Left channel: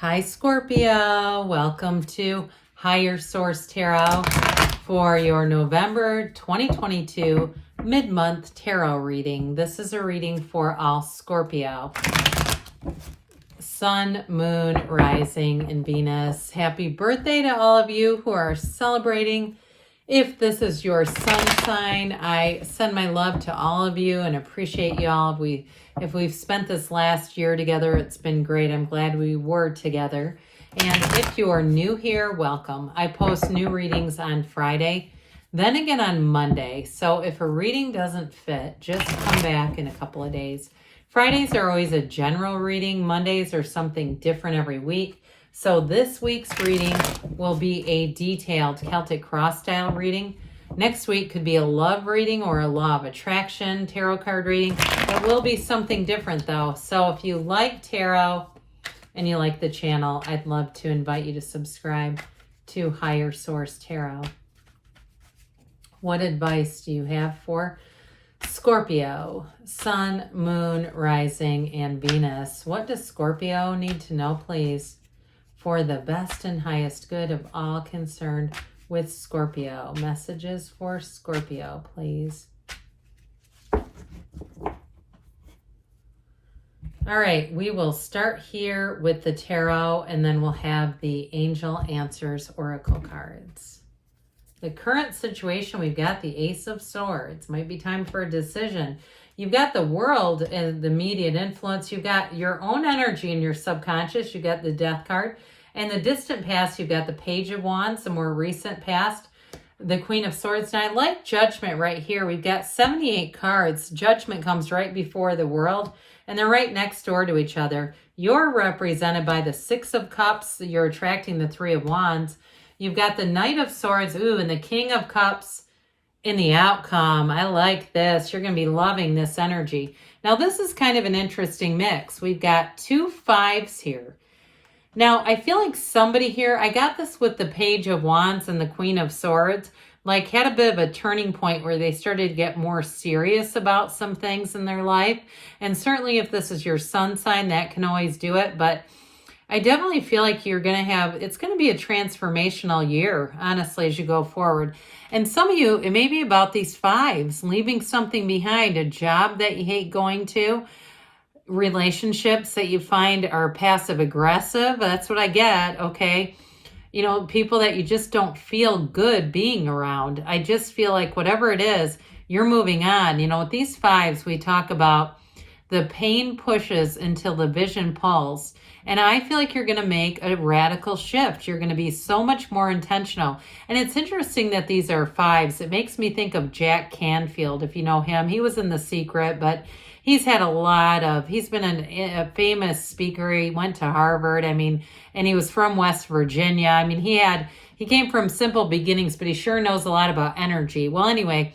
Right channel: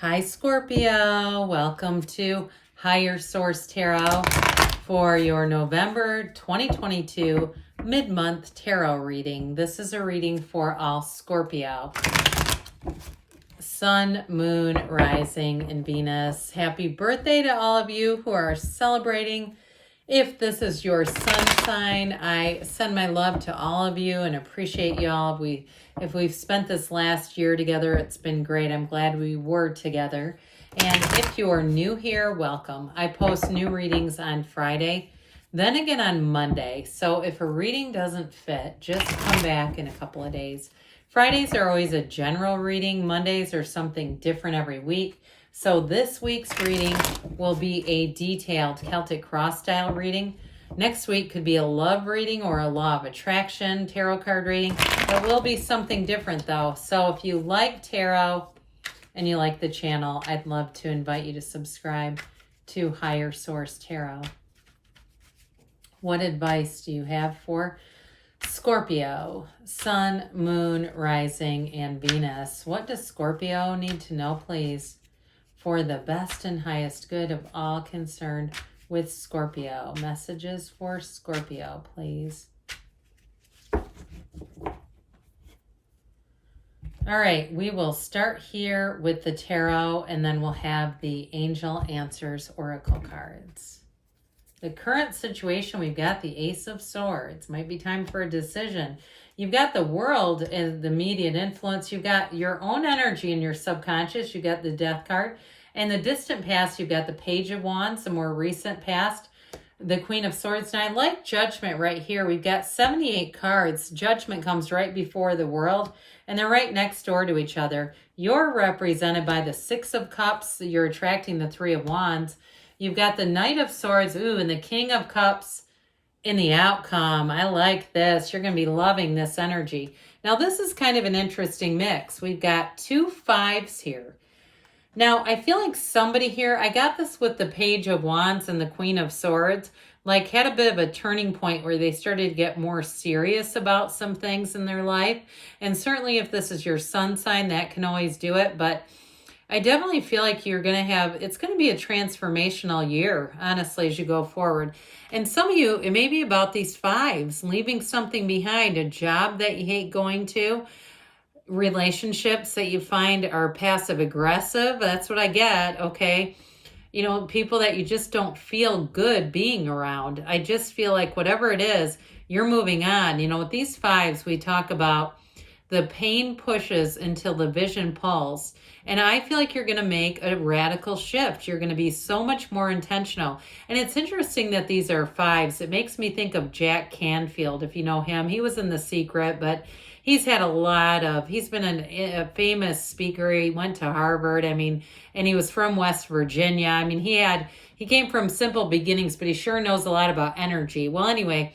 Hi Scorpio, welcome to Higher Source Tarot for your November 2022 mid-month tarot reading. This is a reading for all Scorpio. Sun, Moon, Rising, and Venus. Happy birthday to all of you who are celebrating. If this is your sun sign, I send my love to all of you and appreciate y'all. If we've spent this last year together, it's been great. I'm glad we were together. And if you're new here, welcome. I post new readings on Friday, then again on Monday. So if a reading doesn't fit, just come back in a couple of days. Fridays are always a general reading. Mondays are something different every week. So this week's reading will be a detailed Celtic cross style reading. Next week could be a love reading or a law of attraction tarot card reading. It will be something different though. So if you like tarot and you like the channel, I'd love to invite you to subscribe to Higher Source Tarot. What advice do you have for Scorpio? Sun, Moon, Rising, and Venus. What does Scorpio need to know, please, for the best and highest good of all concerned with Scorpio? Messages for Scorpio, please. All right, we will start here with the tarot, and then we'll have the Angel Answers Oracle cards. The current situation, we've got the Ace of Swords. Might be time for a decision. You've got the world and the immediate influence. You've got your own energy in your subconscious. You've got the Death card. And the distant past, you've got the Page of Wands, the more recent past, the Queen of Swords. And I like Judgment right here. We've got 78 cards. Judgment comes right before the world, and they're right next door to each other. You're represented by the Six of Cups. You're attracting the Three of Wands. You've got the Knight of Swords, and the King of Cups in the outcome. I like this. You're going to be loving this energy. Now, this is kind of an interesting mix. We've got two fives here. Now, I feel like somebody here, I got this with the Page of Wands and the Queen of Swords, like had a bit of a turning point where they started to get more serious about some things in their life. And certainly if this is your sun sign, that can always do it. But I definitely feel like you're going to have, it's going to be a transformational year, honestly, as you go forward. And some of you, it may be about these fives, leaving something behind, a job that you hate going to, relationships that you find are passive aggressive. That's what I get. Okay. You know, people that you just don't feel good being around. I just feel like whatever it is, you're moving on. You know, with these fives, we talk about the pain pushes until the vision pulls. And I feel like you're going to make a radical shift. You're going to be so much more intentional. And it's interesting that these are fives. It makes me think of Jack Canfield, if you know him. He was in The Secret, but he's had he's been a famous speaker. He went to Harvard, and he was from West Virginia. He came from simple beginnings, but he sure knows a lot about energy. Well, anyway,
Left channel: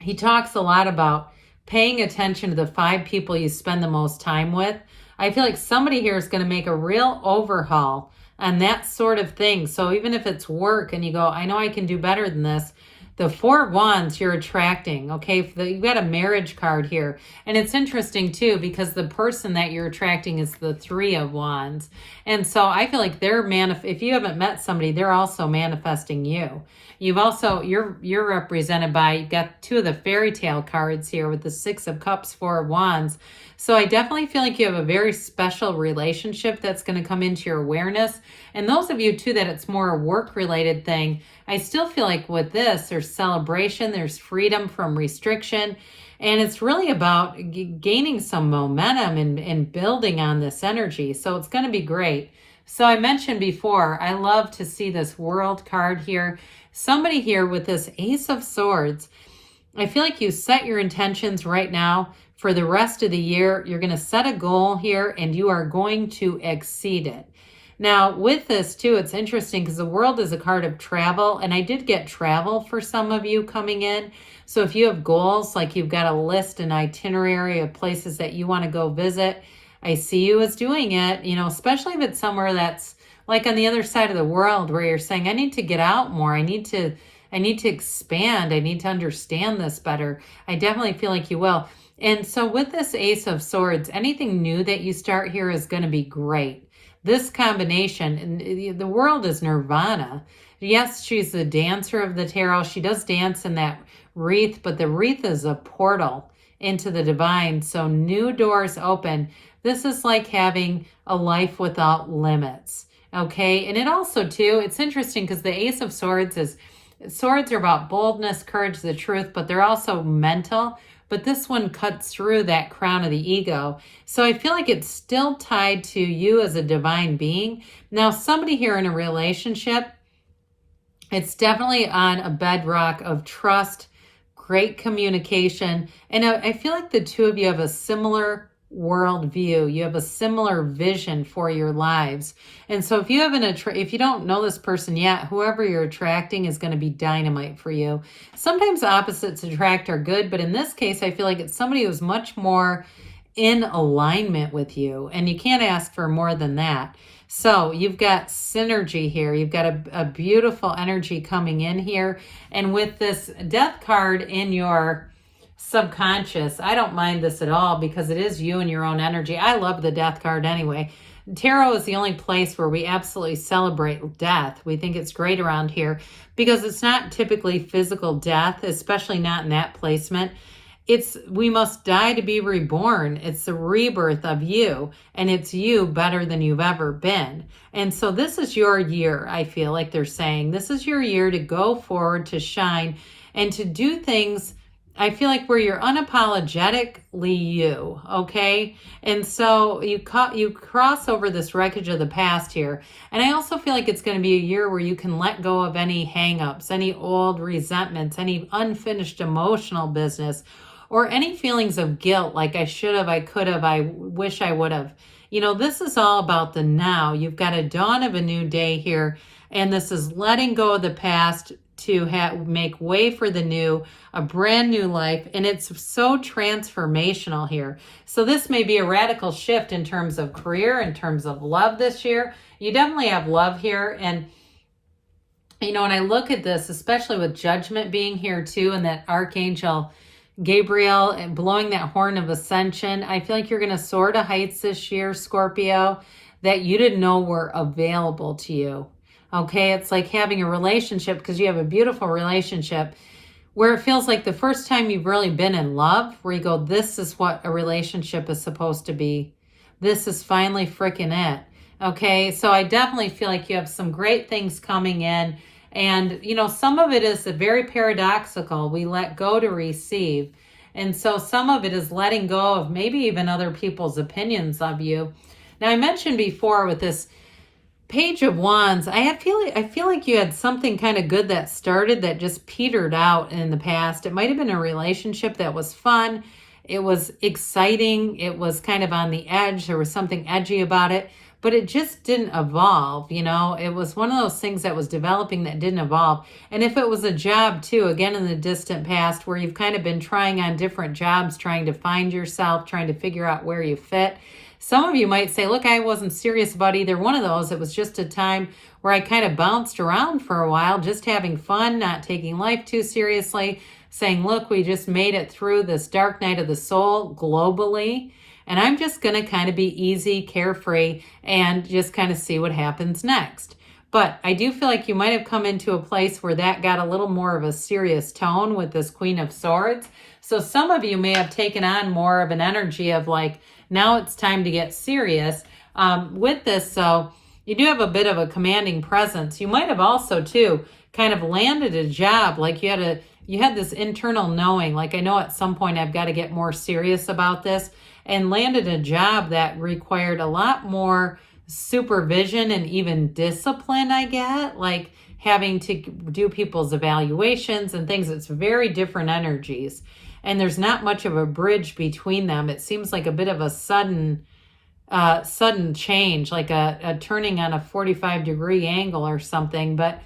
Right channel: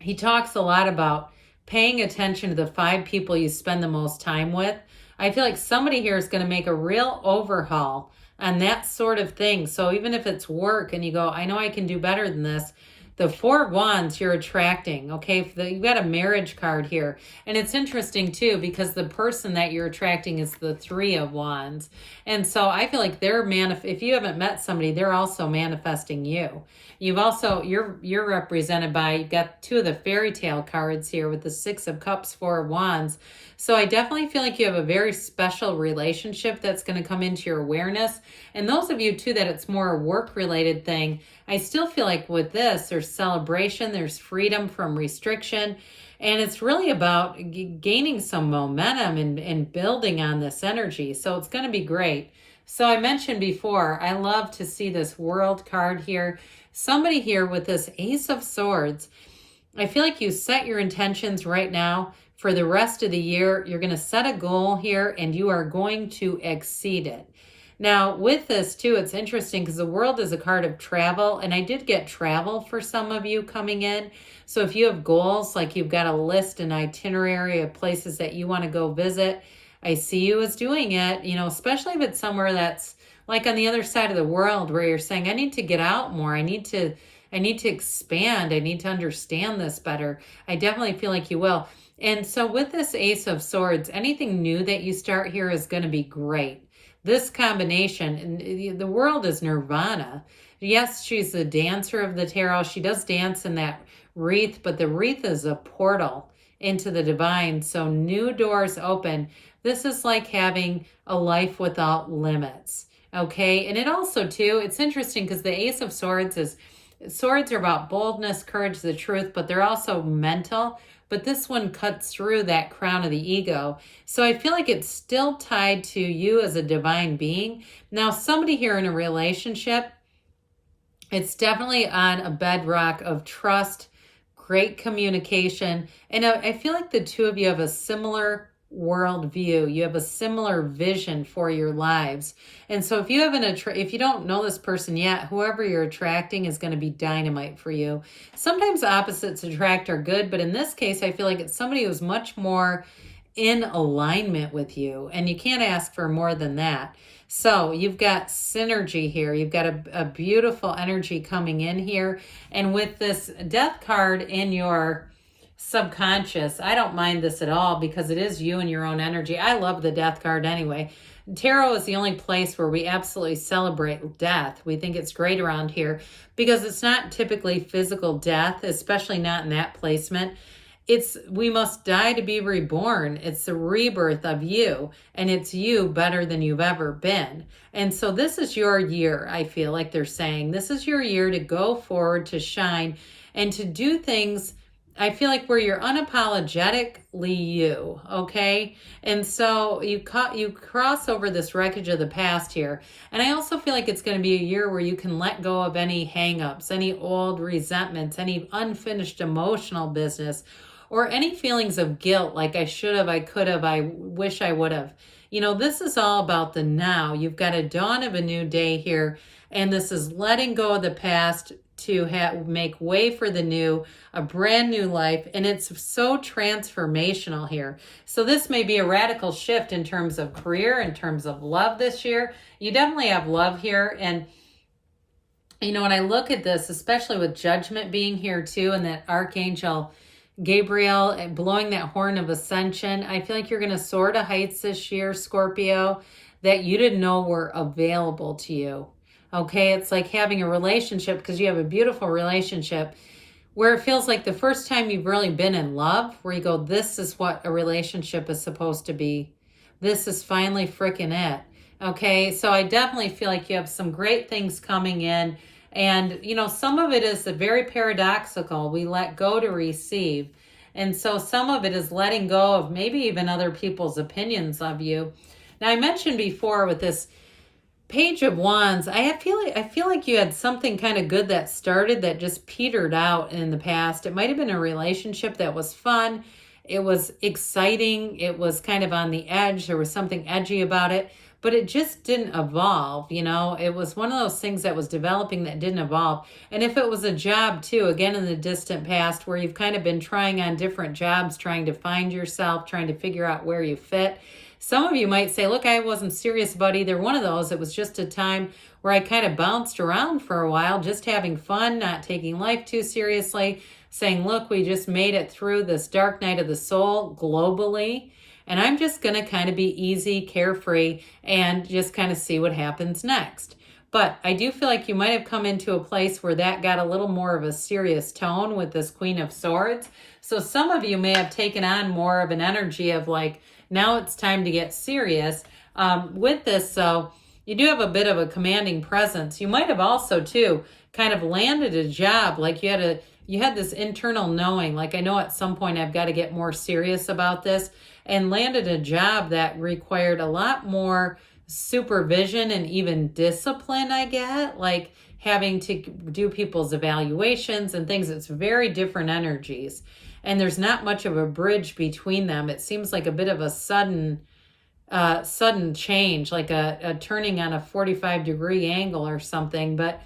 he talks a lot about paying attention to the five people you spend the most time with. I feel like somebody here is going to make a real overhaul on that sort of thing. So even if it's work and you go, I know I can do better than this, the Four of Wands you're attracting, okay? You've got a marriage card here. And it's interesting too, because the person that you're attracting is the Three of Wands. And so I feel like if you haven't met somebody, they're also manifesting you. You're represented by, you've got two of the fairy tale cards here with the Six of Cups, Four of Wands. So I definitely feel like you have a very special relationship that's going to come into your awareness. And those of you too that it's more a work related thing, I still feel like with this, there's celebration, there's freedom from restriction, and it's really about gaining some momentum and building on this energy. So it's going to be great. So I mentioned before, I love to see this World card here. Somebody here with this Ace of Swords, I feel like you set your intentions right now for the rest of the year. You're going to set a goal here, and you are going to exceed it. Now, with this too, it's interesting because the World is a card of travel, and I did get travel for some of you coming in. So if you have goals, like you've got a list, an itinerary of places that you want to go visit, I see you as doing it, you know, especially if it's somewhere that's like on the other side of the world where you're saying, I need to get out more. I need to expand. I need to understand this better. I definitely feel like you will. And so with this Ace of Swords, anything new that you start here is going to be great. this combination, and the world is nirvana. Yes, she's the dancer of the tarot. She does dance in that wreath, but the wreath is a portal into the divine. So new doors open. This is like having a life without limits. Okay. And it also too, it's interesting because the Ace of Swords is, swords are about boldness, courage, the truth, but they're also mental. But this one cuts through that crown of the ego. So I feel like it's still tied to you as a divine being. Now, somebody here in a relationship, it's definitely on a bedrock of trust, great communication. And I feel like the two of you have a similar worldview. You have a similar vision for your lives. And so if you have if you don't know this person yet, whoever you're attracting is going to be dynamite for you. Sometimes opposites attract are good, but in this case, I feel like it's somebody who's much more in alignment with you, and you can't ask for more than that. So you've got synergy here. You've got a beautiful energy coming in here. And with this death card in your subconscious, I don't mind this at all because it is you and your own energy. I love the death card anyway. Tarot is the only place where we absolutely celebrate death. We think it's great around here because it's not typically physical death, especially not in that placement. It's we must die to be reborn. It's the rebirth of you, and it's you better than you've ever been. And so this is your year, I feel like they're saying. This is your year to go forward, to shine, and to do things, I feel like, where you're unapologetically you, okay? And so you cross over this wreckage of the past here. And I also feel like it's going to be a year where you can let go of any hang-ups, any old resentments, any unfinished emotional business, or any feelings of guilt, like I should have, I could have, I wish I would have. You know, this is all about the now. You've got a dawn of a new day here, and this is letting go of the past to make way for the new, a brand new life, and it's so transformational here. So this may be a radical shift in terms of career, in terms of love this year. You definitely have love here, and you know, when I look at this, especially with Judgment being here too, and that Archangel Gabriel and blowing that horn of ascension, I feel like you're going to soar to heights this year, Scorpio, that you didn't know were available to you. Okay, it's like having a relationship, because you have a beautiful relationship, where it feels like the first time you've really been in love, where you go, this is what a relationship is supposed to be. This is finally freaking it. Okay, so I definitely feel like you have some great things coming in. And, you know, some of it is very paradoxical. We let go to receive. And so some of it is letting go of maybe even other people's opinions of you. Now, I mentioned before with this Page of Wands, I feel like you had something kind of good that started that just petered out in the past. It might have been a relationship that was fun. It was exciting. It was kind of on the edge. There was something edgy about it. But it just didn't evolve, you know. It was one of those things that was developing that didn't evolve. And if it was a job too, again in the distant past, where you've kind of been trying on different jobs, trying to find yourself, trying to figure out where you fit. Some of you might say, look, I wasn't serious about either one of those. It was just a time where I kind of bounced around for a while, just having fun, not taking life too seriously, saying, look, we just made it through this dark night of the soul globally. And I'm just going to kind of be easy, carefree, and just kind of see what happens next. But I do feel like you might have come into a place where that got a little more of a serious tone with this Queen of Swords. So some of you may have taken on more of an energy of like, now it's time to get serious with this. So you do have a bit of a commanding presence. You might have also too kind of landed a job, like you had this internal knowing, like I know at some point I've got to get more serious about this, and landed a job that required a lot more supervision and even discipline, I get, like having to do people's evaluations and things. It's very different energies, and there's not much of a bridge between them. It seems like a bit of a sudden change, like a turning on a 45-degree angle or something. But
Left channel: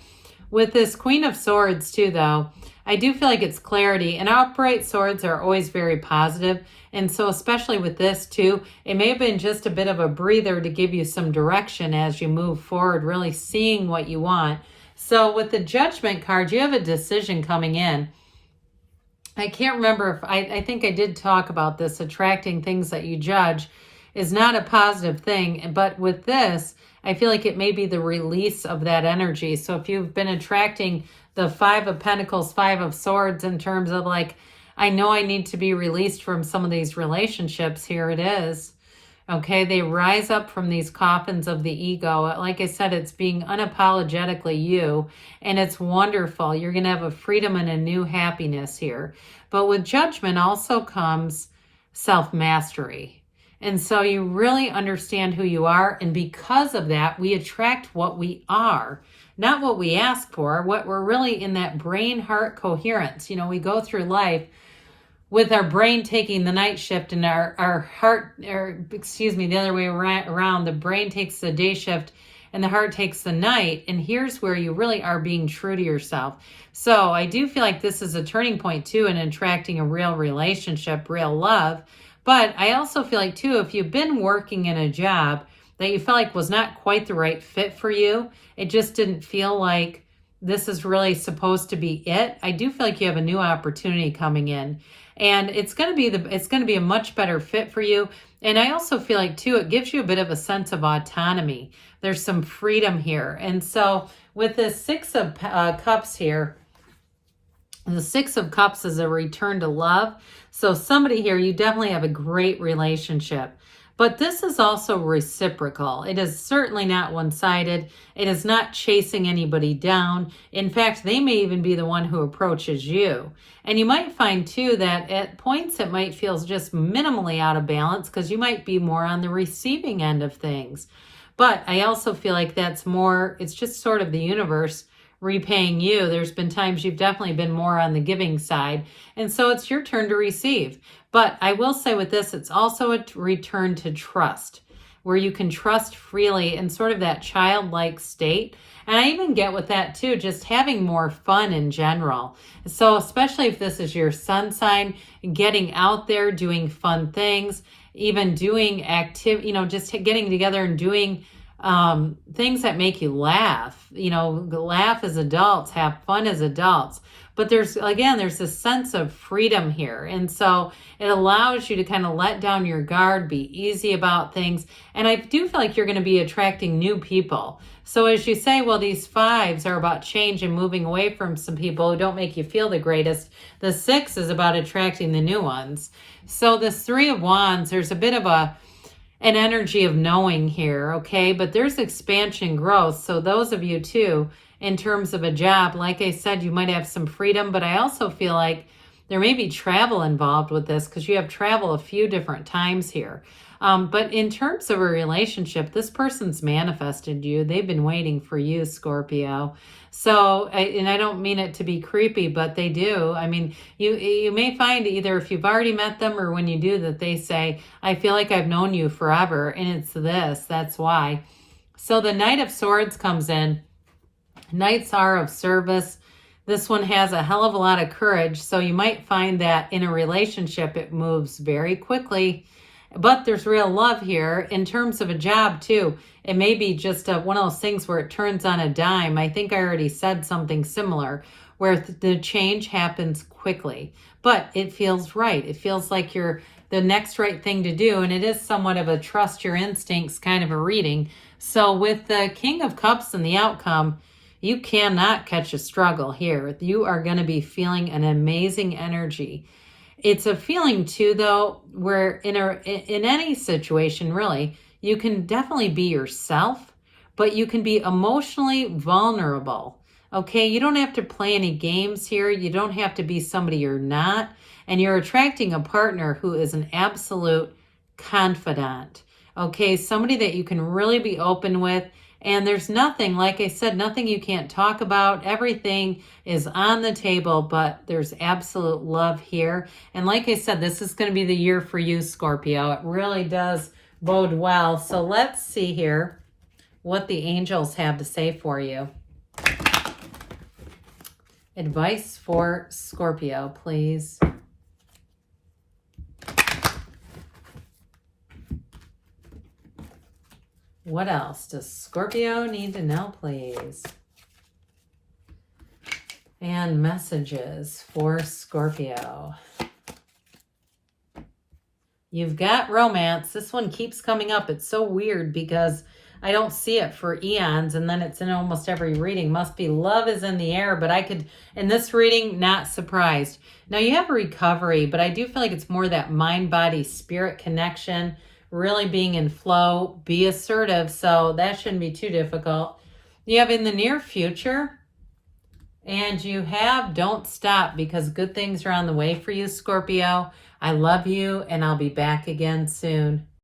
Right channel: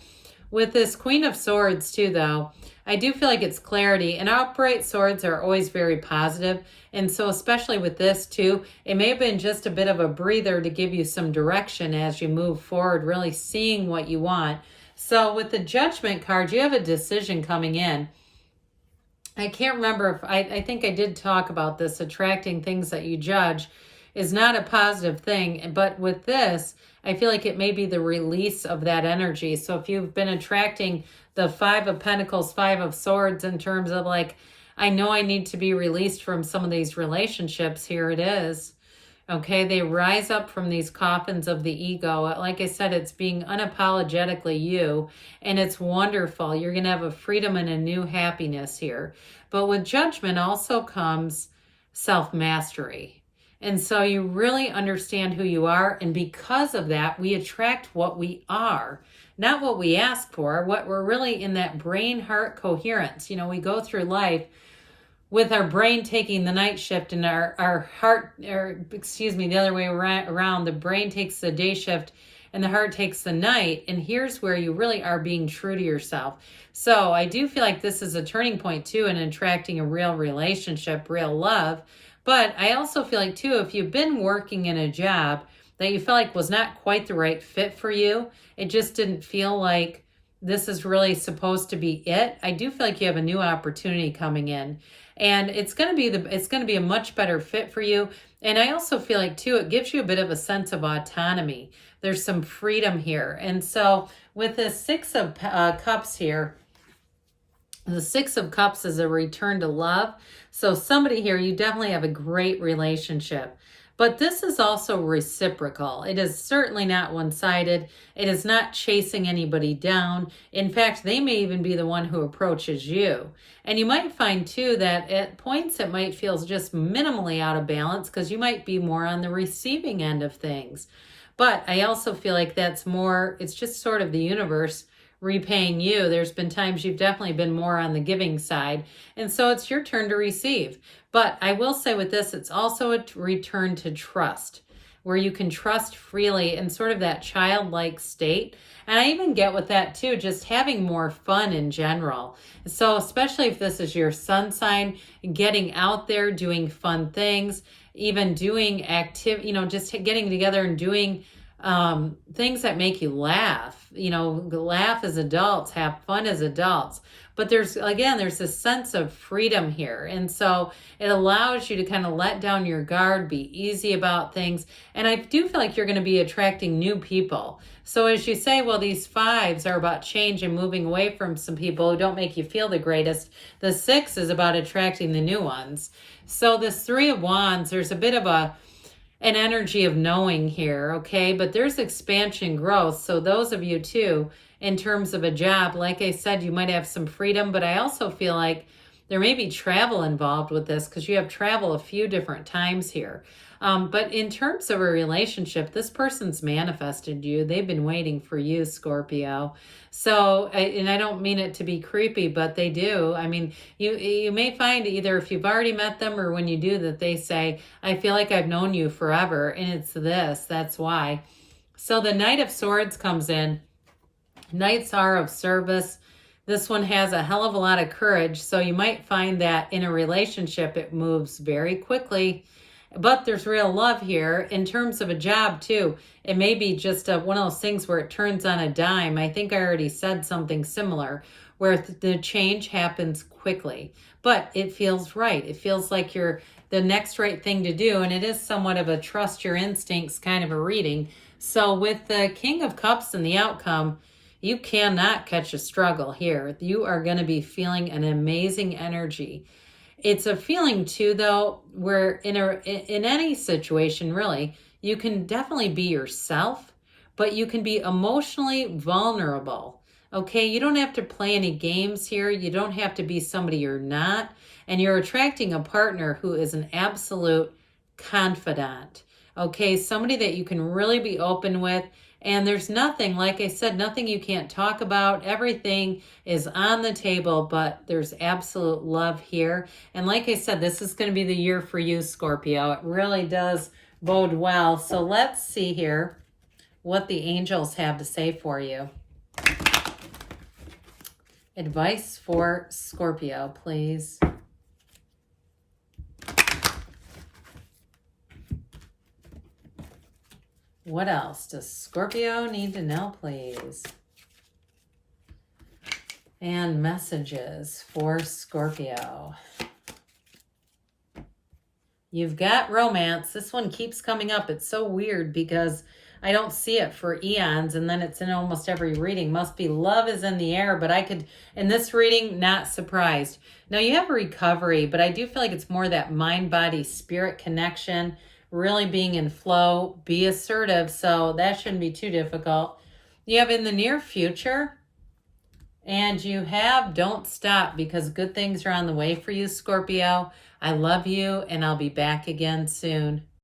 with this Queen of Swords too, though, I do feel like it's clarity, and upright swords are always very positive. And so especially with this too, it may have been just a bit of a breather to give you some direction as you move forward, really seeing what you want. So with the Judgment card, you have a decision coming in. I can't remember if I think I did talk about this, attracting things that you judge. is not a positive thing. But with this, I feel like it may be the release of that energy. So if you've been attracting the Five of Pentacles, Five of Swords in terms of like, I know I need to be released from some of these relationships, here it is. Okay, they rise up from these coffins of the ego. Like I said, it's being unapologetically you, and it's wonderful. You're going to have a freedom and a new happiness here. But with judgment also comes self-mastery. And so you really understand who you are, and because of that, we attract what we are, not what we ask for, what we're really in that brain-heart coherence. You know, we go through life with our brain taking the night shift and our heart, or excuse me, the other way around, the brain takes the day shift and the heart takes the night. And here's where you really are being true to yourself. So I do feel like this is a turning point too in attracting a real relationship, real love. But I also feel like too, if you've been working in a job that you felt like was not quite the right fit for you, it just didn't feel like this is really supposed to be it. I do feel like you have a new opportunity coming in. And it's going to be a much better fit for you. And I also feel like too, it gives you a bit of a sense of autonomy. There's some freedom here. And so with the Six of Cups here, the Six of Cups is a return to love. So somebody here, you definitely have a great relationship. But this is also reciprocal. It is certainly not one-sided. It is not chasing anybody down. In fact, they may even be the one who approaches you. And you might find too that at points it might feel just minimally out of balance because you might be more on the receiving end of things. But I also feel like that's more, it's just sort of the universe repaying you. There's been times you've definitely been more on the giving side. And so it's your turn to receive. But I will say with this, it's also a return to trust, where you can trust freely in sort of that childlike state. And I even get with that too, just having more fun in general. So especially if this is your sun sign, getting out there, doing fun things, even doing just getting together and doing things that make you laugh, laugh as adults, have fun as adults. But there's this sense of freedom here. And so it allows you to kind of let down your guard, be easy about things. And I do feel like you're going to be attracting new people. So as you say, well, these fives are about change and moving away from some people who don't make you feel the greatest. The six is about attracting the new ones. So this Three of Wands, there's a bit of an energy of knowing here, okay? But there's expansion, growth. So those of you too, in terms of a job, like I said, you might have some freedom, but I also feel like there may be travel involved with this because you have travel a few different times here. But in terms of a relationship, this person's manifested you. They've been waiting for you, Scorpio. So, and I don't mean it to be creepy, but they do. I mean, you may find either if you've already met them or when you do that they say, I feel like I've known you forever. And it's this, that's why. So the Knight of Swords comes in. Knights are of service. This one has a hell of a lot of courage. So you might find that in a relationship, it moves very quickly. But there's real love here. In terms of a job too, it may be just one of those things where it turns on a dime. I think I already said something similar where the change happens quickly, but it feels right. It feels like you're the next right thing to do. And it is somewhat of a trust your instincts kind of a reading. So with the King of Cups and the outcome, you cannot catch a struggle here. You are going to be feeling an amazing energy. It's a feeling too, though, where in any situation, really, you can definitely be yourself, but you can be emotionally vulnerable. Okay, you don't have to play any games here. You don't have to be somebody you're not. And you're attracting a partner who is an absolute confidant. Okay, somebody that you can really be open with. And there's nothing, like I said, nothing you can't talk about. Everything is on the table, but there's absolute love here. And like I said, this is going to be the year for you, Scorpio. It really does bode well. So let's see here what the angels have to say for you. Advice for Scorpio, please. What else does Scorpio need to know, please? And messages for Scorpio. You've got romance. This one keeps coming up. It's so weird because I don't see it for eons, and then it's in almost every reading. Must be love is in the air, but I could, in this reading, not surprised. Now you have recovery, but I do feel like it's more that mind, body, spirit connection, really being in flow, be assertive, so that shouldn't be too difficult. You have in the near future, and you have don't stop, because good things are on the way for you, Scorpio. I love you, and I'll be back again soon.